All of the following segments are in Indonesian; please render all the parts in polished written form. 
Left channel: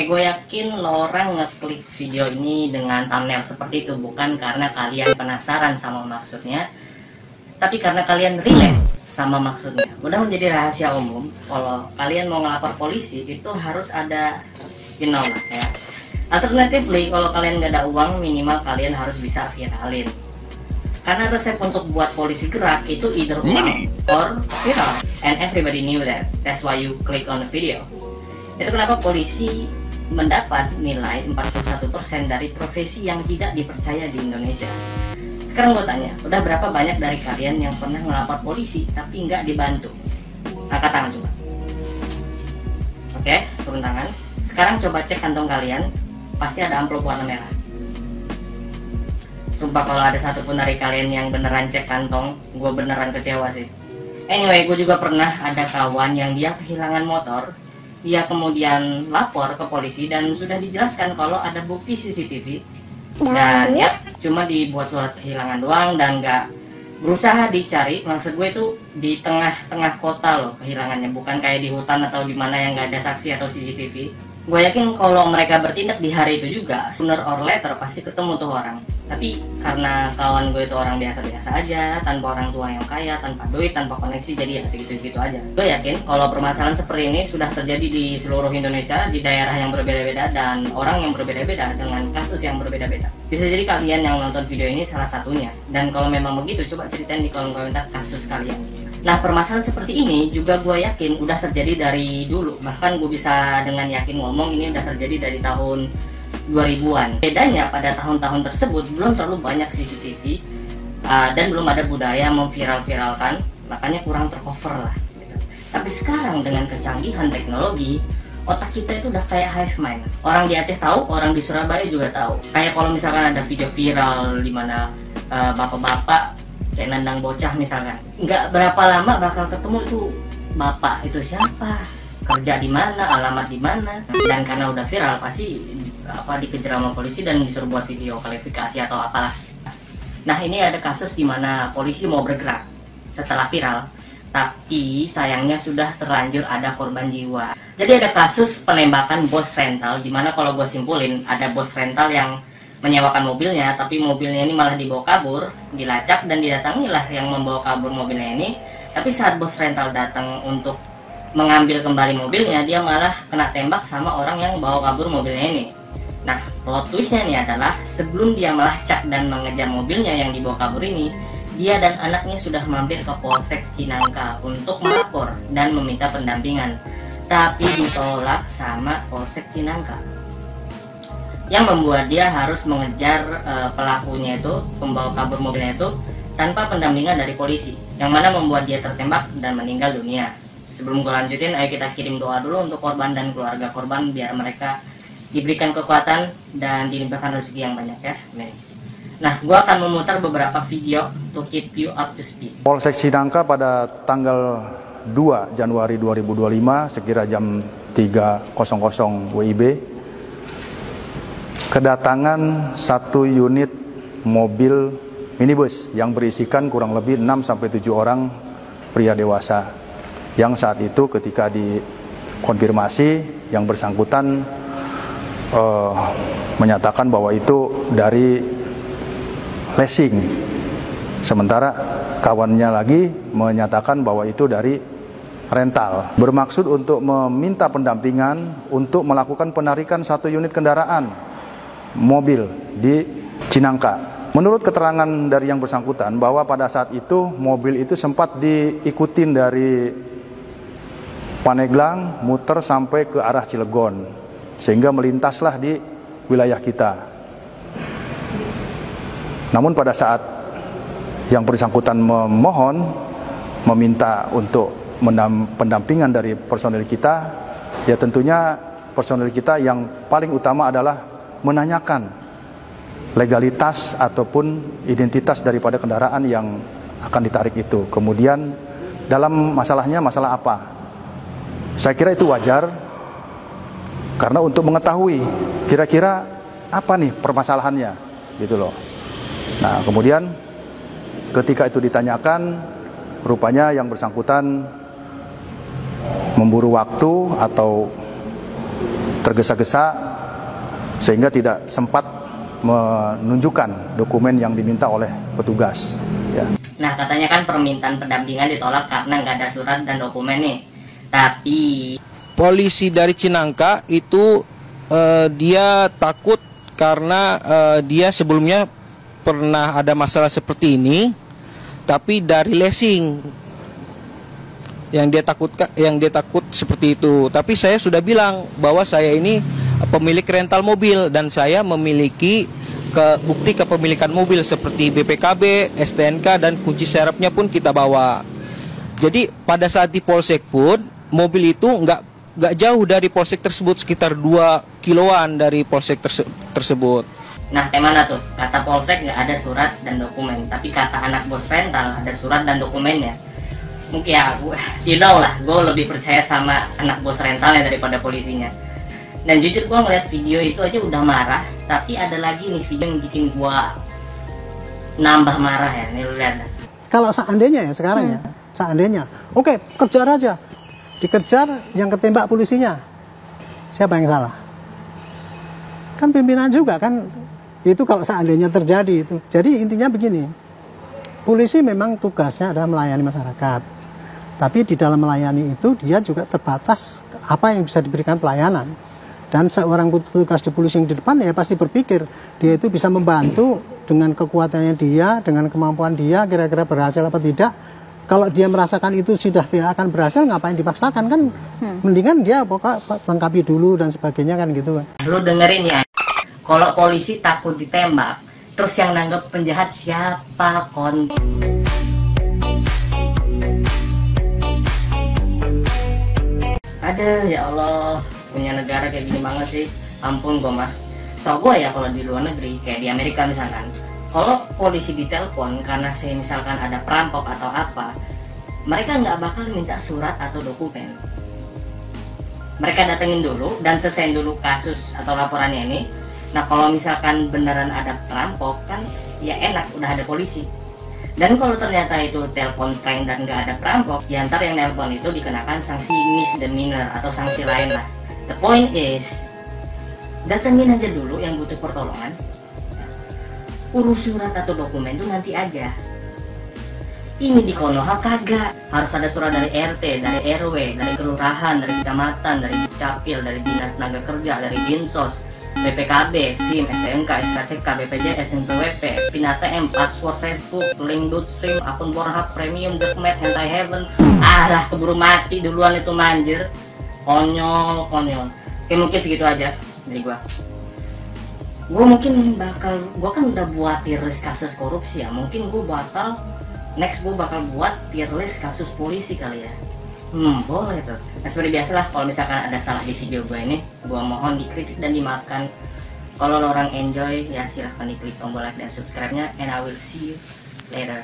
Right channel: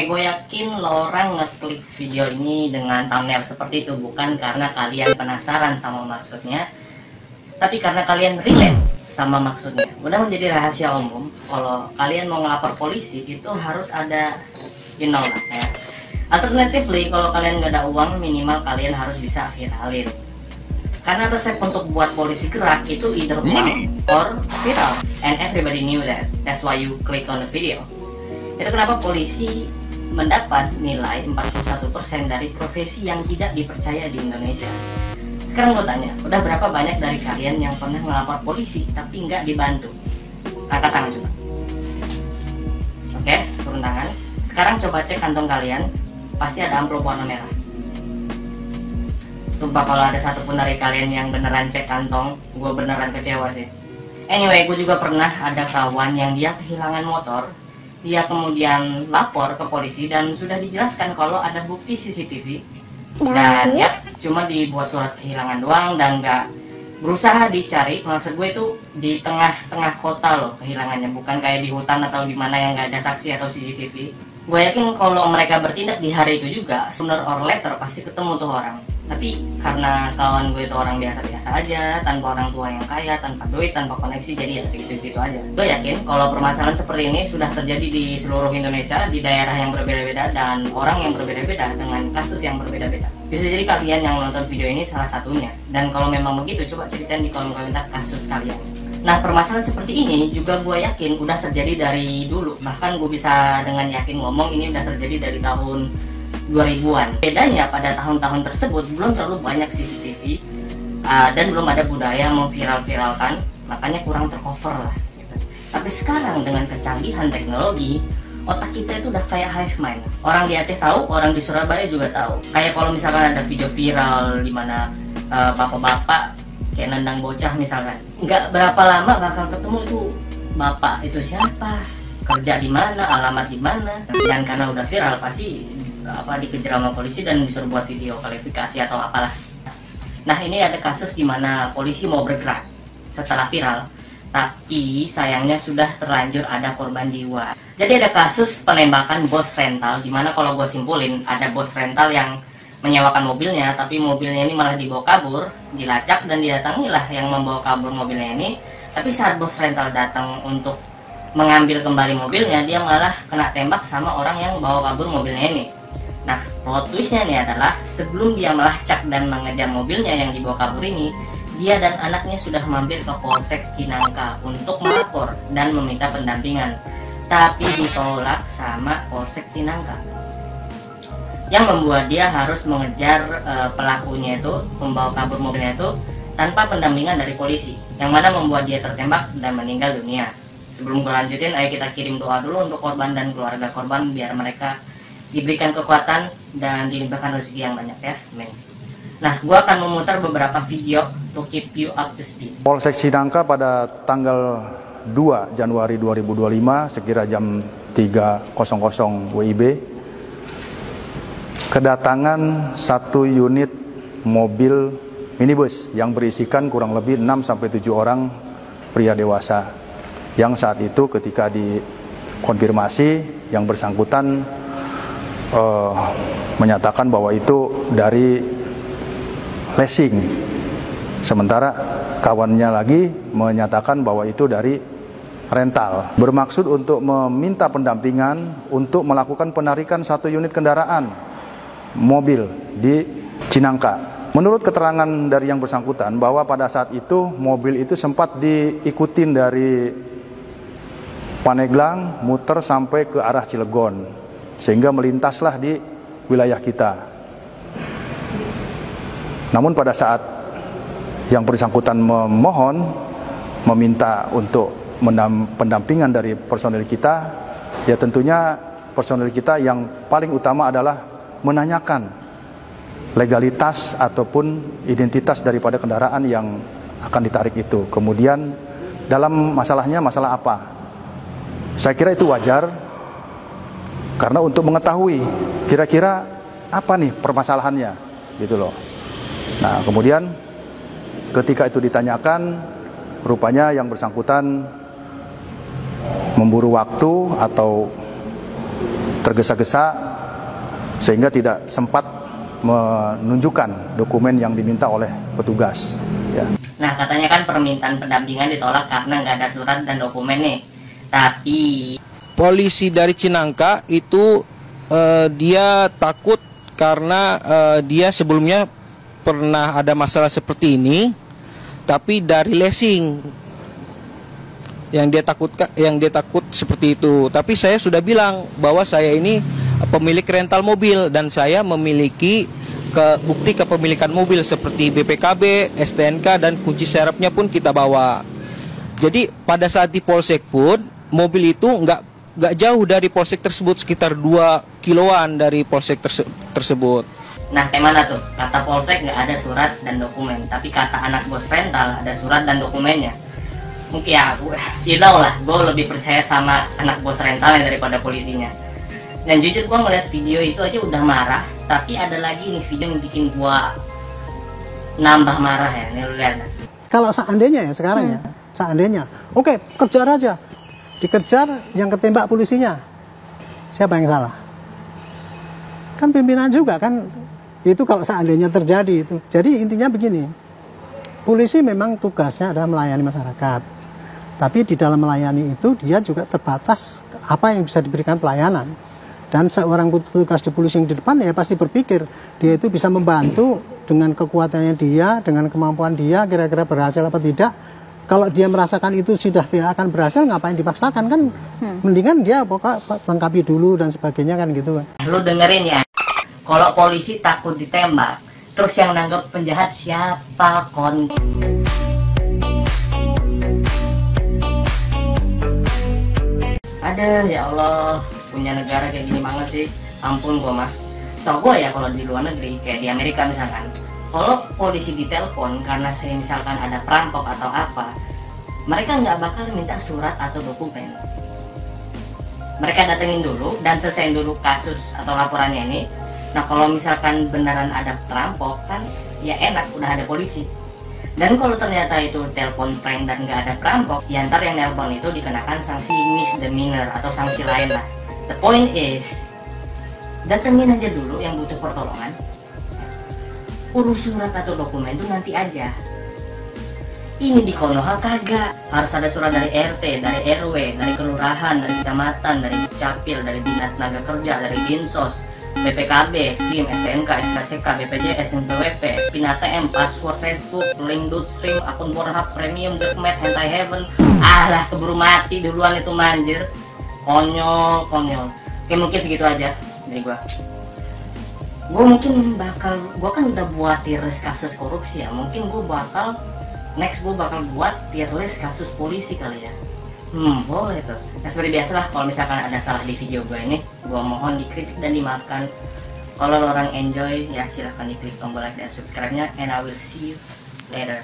Oke, gue yakin lo orang ngeklik video ini dengan thumbnail seperti itu bukan karena kalian penasaran sama maksudnya, tapi karena kalian relate sama maksudnya. Udah menjadi rahasia umum kalau kalian mau ngelapor polisi itu harus ada lah ya. Alternatively, kalau kalian gak ada uang, minimal kalian harus bisa viralin. Karena resep untuk buat polisi gerak itu either money or viral, and everybody knew that. That's why you click on the video. Itu kenapa polisi mendapat nilai 41% dari profesi yang tidak dipercaya di Indonesia. Sekarang gue tanya, udah berapa banyak dari kalian yang pernah melapor polisi tapi nggak dibantu? Angkat tangan coba. Oke, turun tangan. Sekarang coba cek kantong kalian, pasti ada amplop warna merah. Sumpah kalau ada satupun dari kalian yang beneran cek kantong, gue beneran kecewa sih. Anyway, gue juga pernah ada kawan yang dia kehilangan motor. Dia kemudian lapor ke polisi dan sudah dijelaskan kalau ada bukti CCTV. Dan ya cuma dibuat surat kehilangan doang dan nggak berusaha dicari. Maksud gue itu di tengah-tengah kota loh kehilangannya, bukan kayak di hutan atau gimana yang nggak ada saksi atau CCTV. Gue yakin kalau mereka bertindak di hari itu juga, sooner or later pasti ketemu tuh orang. Tapi karena kawan gue itu orang biasa-biasa aja, tanpa orang tua yang kaya, tanpa duit, tanpa koneksi, jadi ya segitu-gitu aja. Gue yakin kalau permasalahan seperti ini sudah terjadi di seluruh Indonesia, di daerah yang berbeda-beda, dan orang yang berbeda-beda dengan kasus yang berbeda-beda. Bisa jadi kalian yang nonton video ini salah satunya. Dan kalau memang begitu, coba ceritain di kolom komentar kasus kalian. Nah, permasalahan seperti ini juga gue yakin udah terjadi dari dulu. Bahkan gue bisa dengan yakin ngomong ini udah terjadi dari tahun 2000-an. Bedanya pada tahun-tahun tersebut belum terlalu banyak CCTV dan belum ada budaya memviral-viralkan, makanya kurang tercover lah gitu. Tapi sekarang dengan kecanggihan teknologi, otak kita itu udah kayak hive mind. Orang di Aceh tahu, orang di Surabaya juga tahu. Kayak kalau misalkan ada video viral di mana bapak-bapak kayak nendang bocah misalkan, nggak berapa lama bakal ketemu itu bapak itu siapa, kerja di mana, alamat di mana. Dan karena udah viral pasti dikejar sama polisi dan disuruh buat video klarifikasi atau apalah. Nah, ini ada kasus di mana polisi mau bergerak setelah viral, tapi sayangnya sudah terlanjur ada korban jiwa. Jadi ada kasus penembakan bos rental, di mana kalau gue simpulin ada bos rental yang menyewakan mobilnya, tapi mobilnya ini malah dibawa kabur, dilacak dan didatangilah yang membawa kabur mobilnya ini. Tapi saat bos rental datang untuk mengambil kembali mobilnya, dia malah kena tembak sama orang yang bawa kabur mobilnya ini. Nah, plot twistnya ini adalah sebelum dia melacak dan mengejar mobilnya yang dibawa kabur ini, dia dan anaknya sudah mampir ke Polsek Cinangka untuk melapor dan meminta pendampingan, tapi ditolak sama Polsek Cinangka, yang membuat dia harus mengejar pelakunya itu, pembawa kabur mobilnya itu, tanpa pendampingan dari polisi, yang mana membuat dia tertembak dan meninggal dunia. Sebelum gue lanjutin, ayo kita kirim doa dulu untuk korban dan keluarga korban biar mereka diberikan kekuatan dan dilimpahkan rezeki yang banyak ya. Amin. Nah, gue akan memutar beberapa video to keep you up to speed. Polsek Cinangka pada tanggal 2 Januari 2025 sekira jam 3.00 WIB kedatangan satu unit mobil minibus yang berisikan kurang lebih 6-7 orang pria dewasa, yang saat itu ketika dikonfirmasi yang bersangkutan menyatakan bahwa itu dari leasing, sementara kawannya lagi menyatakan bahwa itu dari rental, bermaksud untuk meminta pendampingan untuk melakukan penarikan satu unit kendaraan mobil di Cinangka. Menurut keterangan dari yang bersangkutan bahwa pada saat itu mobil itu sempat diikutin dari Paneglang muter sampai ke arah Cilegon, sehingga melintaslah di wilayah kita. Namun pada saat yang bersangkutan meminta untuk pendampingan dari personil kita, ya tentunya personil kita yang paling utama adalah menanyakan legalitas ataupun identitas daripada kendaraan yang akan ditarik itu. Kemudian dalam masalahnya masalah apa? Saya kira itu wajar, karena untuk mengetahui kira-kira apa nih permasalahannya, gitu loh. Nah, kemudian ketika itu ditanyakan, rupanya yang bersangkutan memburu waktu atau tergesa-gesa sehingga tidak sempat menunjukkan dokumen yang diminta oleh petugas. Ya. Nah, katanya kan permintaan pendampingan ditolak karena nggak ada surat dan dokumen nih. Tapi polisi dari Cinangka itu dia takut karena dia sebelumnya pernah ada masalah seperti ini, tapi dari leasing yang dia takut seperti itu. Tapi saya sudah bilang bahwa saya ini pemilik rental mobil dan saya memiliki bukti kepemilikan mobil seperti BPKB, STNK dan kunci serepnya pun kita bawa. Jadi pada saat di polsek pun mobil itu nggak jauh dari polsek tersebut, sekitar 2 kiloan dari polsek tersebut. Nah, mana tuh? Kata polsek nggak ada surat dan dokumen, tapi kata anak bos rental ada surat dan dokumennya. Ya, gue lebih percaya sama anak bos rentalnya daripada polisinya. Dan jujur gue ngeliat video itu aja udah marah, tapi ada lagi nih video yang bikin gue nambah marah ya. Nih lu lihat. Kalau seandainya ya sekarang ya, seandainya, oke, kejar aja, dikejar, yang ketembak polisinya, siapa yang salah? Kan pimpinan juga kan, itu kalau seandainya terjadi itu. Jadi intinya begini, polisi memang tugasnya adalah melayani masyarakat, tapi di dalam melayani itu dia juga terbatas apa yang bisa diberikan pelayanan. Dan seorang petugas di polisi yang di depan ya pasti berpikir dia itu bisa membantu dengan kekuatannya dia, dengan kemampuan dia, kira-kira berhasil apa tidak. Kalau dia merasakan itu sudah tidak akan berhasil, ngapain dipaksakan kan? Mendingan dia pokok lengkapi dulu dan sebagainya kan gitu. Lu dengerin ya, kalau polisi takut ditembak, terus yang nanggap penjahat siapa kon? Ada ya Allah, punya negara kayak gini banget sih. Ampun gua mah. Setahu gua ya kalau di luar negeri kayak di Amerika misalkan, kalau polisi ditelepon karena misalkan ada perampok atau apa, mereka nggak bakal minta surat atau dokumen. Mereka datengin dulu dan selesaiin dulu kasus atau laporannya ini. Nah, kalau misalkan beneran ada perampok kan ya enak, udah ada polisi. Dan kalau ternyata itu telepon prank dan nggak ada perampok, ya ntar yang nelpon itu dikenakan sanksi misdemeanor atau sanksi lain lah. The point is, datengin aja dulu yang butuh pertolongan. Urus surat atau dokumen itu nanti aja. Ini di Konoha kagak. Harus ada surat dari RT, dari RW, dari kelurahan, dari kecamatan, dari Capil, dari Dinas Tenaga Kerja, dari Dinsos, BPKB, SIM, STNK, SKCK, BPJS, NPWP, PIN ATM, password Facebook, link Doodstream, akun Pornhub, Premium, Darknet, Hentai Heaven. Alah, keburu mati duluan itu manjir. Konyol. Oke, mungkin segitu aja dari gua. Gua kan udah buat tier list kasus korupsi ya. Mungkin gua bakal buat tier list kasus polisi kali ya. Boleh tuh. Nah, seperti biasa lah, kalau misalkan ada salah di video gue ini, gue mohon dikritik dan dimaafkan. Kalau lo orang enjoy, ya silahkan diklik tombol like dan subscribe-nya. And I will see you later.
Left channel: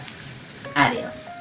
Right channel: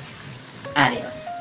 Adios.